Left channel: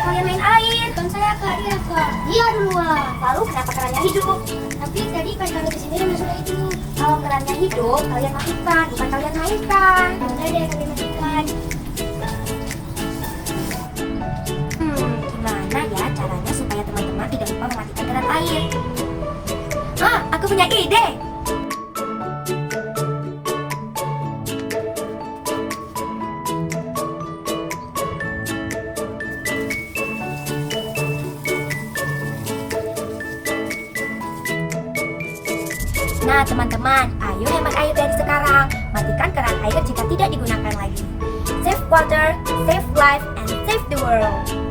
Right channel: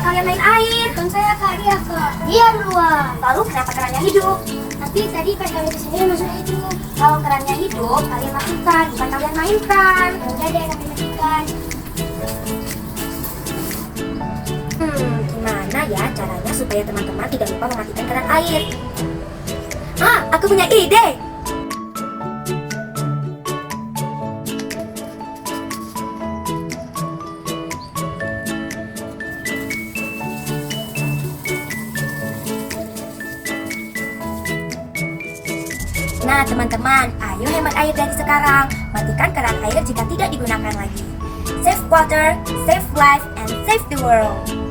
kenapa kalian main air? Kan saya Kak, iya Kak. Dia duluan. Lalu kenapa kerannya hidup? Tapi tadi pas kami kesini emang sudah hidup. Kalau kerannya hidup, kalian matikan, bukan kalian mainkan. Udah deh kami matikan. Gimana ya caranya supaya teman-teman tidak lupa mematikan keran air? Ah, aku punya ide! Nah teman-teman, ayo hemat air dari sekarang. Matikan keran air jika tidak digunakan lagi. Save water, save life, and save the world.